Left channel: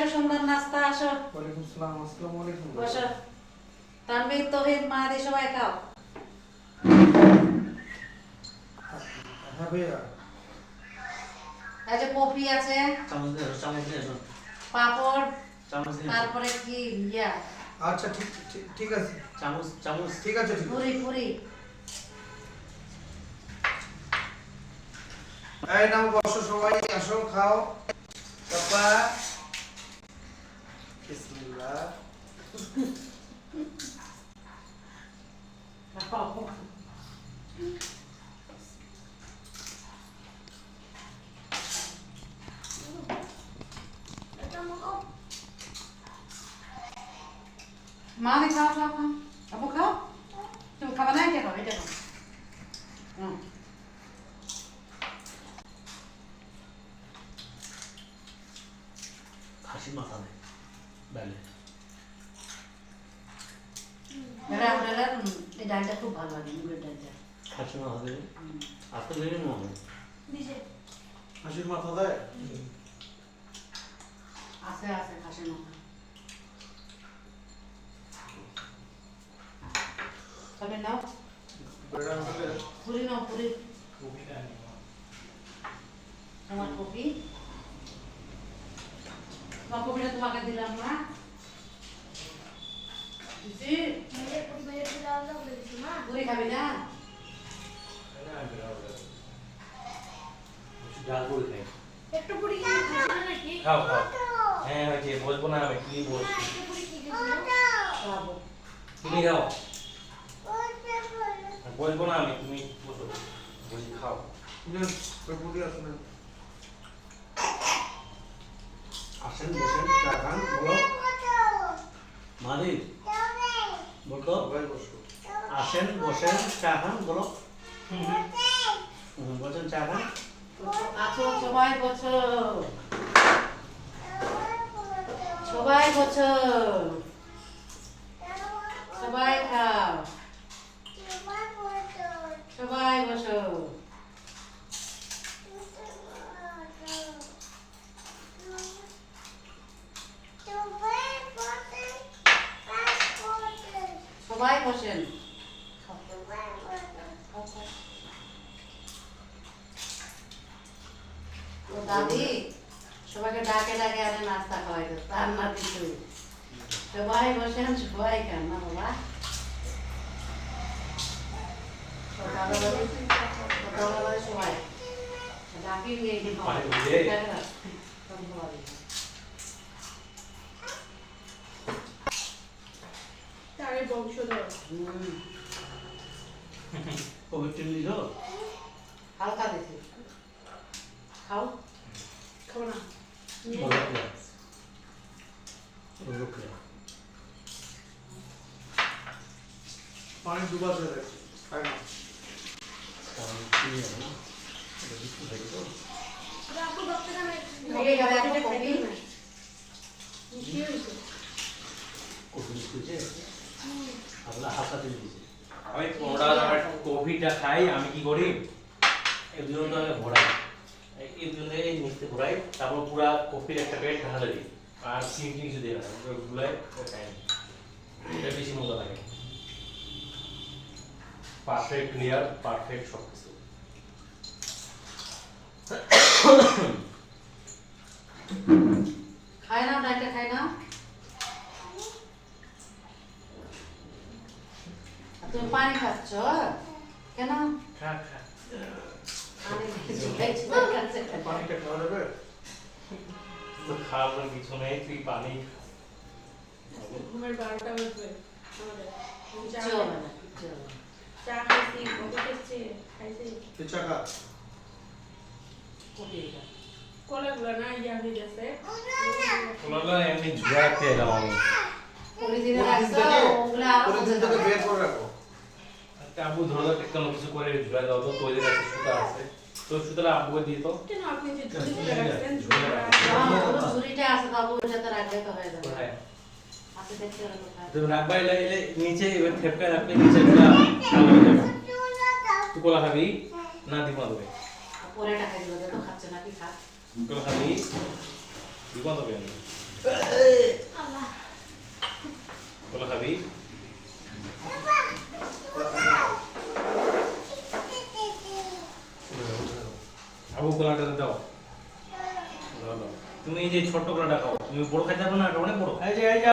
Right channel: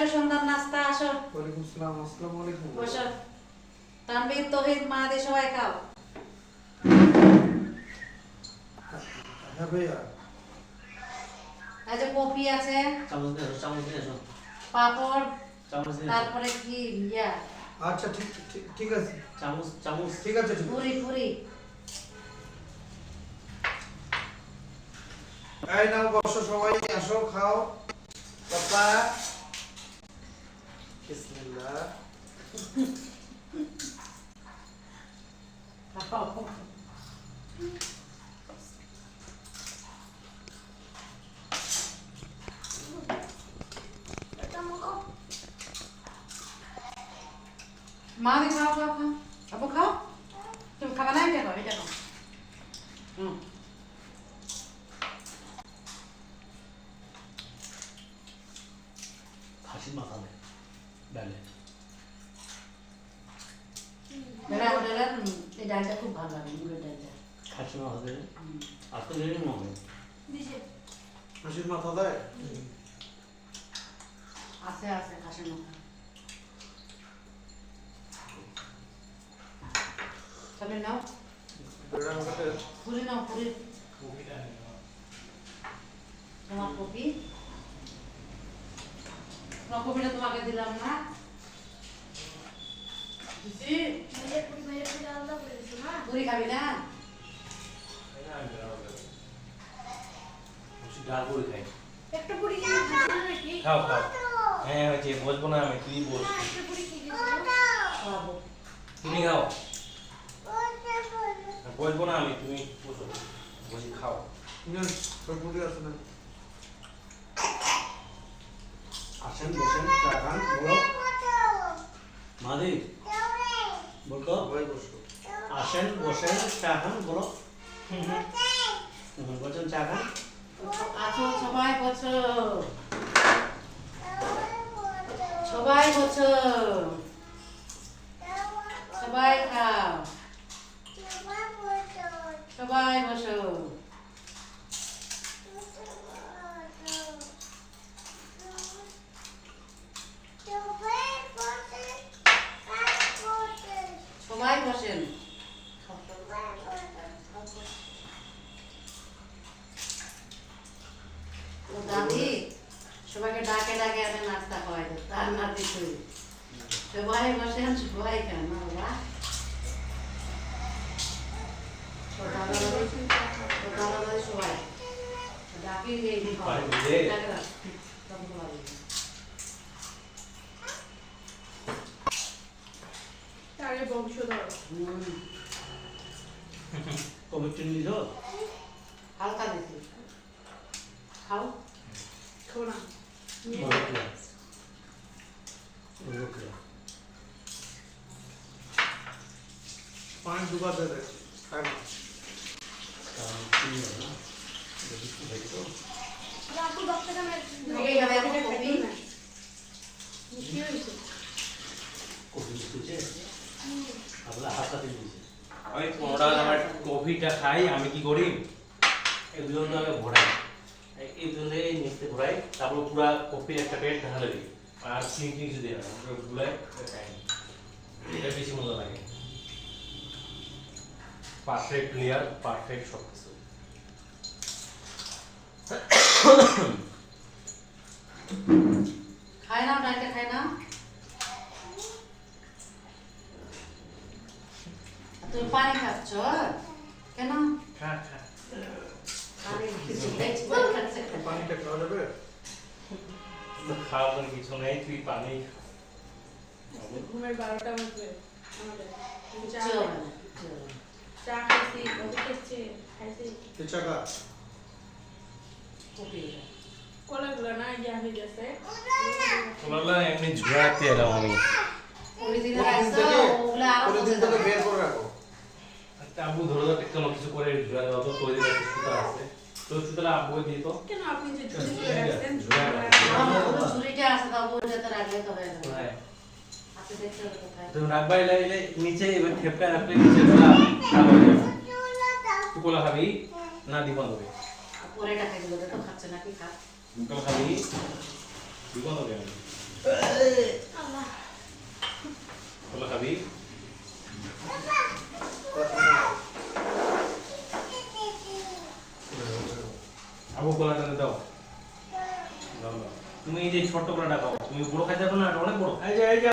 আসো সুন্দর নাস্তা আসো। ওয়ালাইকুম আসসালাম। আসসালামু আলাইকুম। বসো। তানভীর তৌহিদ মাহাদি সবাই খাও। হ্যাঁ ভাইয়া। এই যে কপি আছে, চামচ দিয়ে এসো। পাপড়, চামচ দিয়ে এসো। তারপরে কি ইয়া আচ্ছা ঠিক ঠিক ঠিক আছে। চামচ ঠিক আছে ঠিক আছে। পুরি পুরি। এই নাও বসো সবাই, আসো খাও। পাপা বিসমিল্লাহ। মাহাদি খাও খাও খাও। আপু খাও। তুমি খাবা না? এটা খাও, এটা খাও। খাসির মাথা দে বেলে। বেলা হোটেলের এই ডালটা খুব ভালো লাগে, মুগের ডালটা। খাসির মাথা দেবে আর তো দেরি মনে হাসির মাথা দেয়। আছে আছে খাসির মাথা। তুমি নাও বেড়া হোটেলের পুরি, নাও পুরি। তোমার কপি, তোমার কপিটা তোমাকে দিলাম না। দিছি? পুরি খাবি না? ডাল করে খাই। একটু পুরি কি খাচ্ছ নাকি? খাও খাও। হ্যাঁ ওই যে বলবো না আমি তুমি বল। একটু পুরি কি খাচ্ছ? খাবো। তুমি খাও। বলবো না আমি তুমি বসো। বসে খাও। পুরি আছে না? আসেন বসেন চা খান বলো। মাদি বলতো সবাই বসো। আসেন বসেন চা খান বলো। বসেন চা খান। আসো সবাই বসো, সবাই বসো, সবাই খাও, সবাই বসো। সবাই বসেন। তো দাদি সবাইকে ডাকে ডাকে আনে নাস্তা খাওয়াই তো, তার না কিছু। সবাই বসেন, সবাই খান না বাবা। তো দাদা দাদি সবাই ডাকি এই যে বাড়ি বুঝে। তারে বংশধর। কোভিড টিম লিখো। হালকা দিছি, খাও। খাবো না। পানি ডুবাতে দেয়, খায় না। আপু ডক্টর কামে ওকে গেলে আপু কপি। কি হইছে? আমি ওরা আমার কফিটা খাই, আমি কি করি এগুলো তো আমি ঘোরাই, এই জন্য এই নিচে ঘোরাই, তারপর পুরো কফির একটা প্লেট ঢালে দিই আর চিনি কিছু দিই না, ঘুরাই খাই। এটা বেশি মজা লাগে। পারফেক্ট ক্লিয়ার, পারফেক্ট সব কিছু। খাই নাও, ডাইটে খাই নাও। তুমি পানি খাচ্ছ কেন? খা খা। পানিটা খাওয়া যাবে? তো খাওয়ার কিছু নেই, তুই পানি ঘুমের 12টা বাজবে আমাদের। চা খাইছি, কফি খাইছি। চাকা কলাগুলো না ইয়া হয়ে গেছে। বললো এমনি ঝুড়াতে এলাম আমি। পরের দিন থেকে বের করে রাখো। আবু ধরো কোনো কিছু করে ঝুড়া দেওয়া তো তৈরি একটা সুতা আছে, তো সুতাটা আবুকে দিয়ে তো কেন আপনি যে ঝুড়ি তুলে রাখছেন? ঝুড়িটা আছে বাবু, যাতে রাখলে তো হয়ে যাবে। কোথায় আছে দেখতে হবে কোথায়। তুমি রাখবা এলে নিচে এবার ঠেপকা রাখলে নিচে গুলা ভালো হয়ে যাবে। তুই কোলা খাবি না দিব দেবে? পরে টাকা দিল তো খাচ্ছে নাকি খা। কোলা খাবি দিব দেবে আমি কলা খাবি? আবু কলাটা দাও। তুমি এই যে ছোট্ট কলাটা খাও, তুমি বড় খাইতে পারবে না, এটা অনেক বড়। এই যে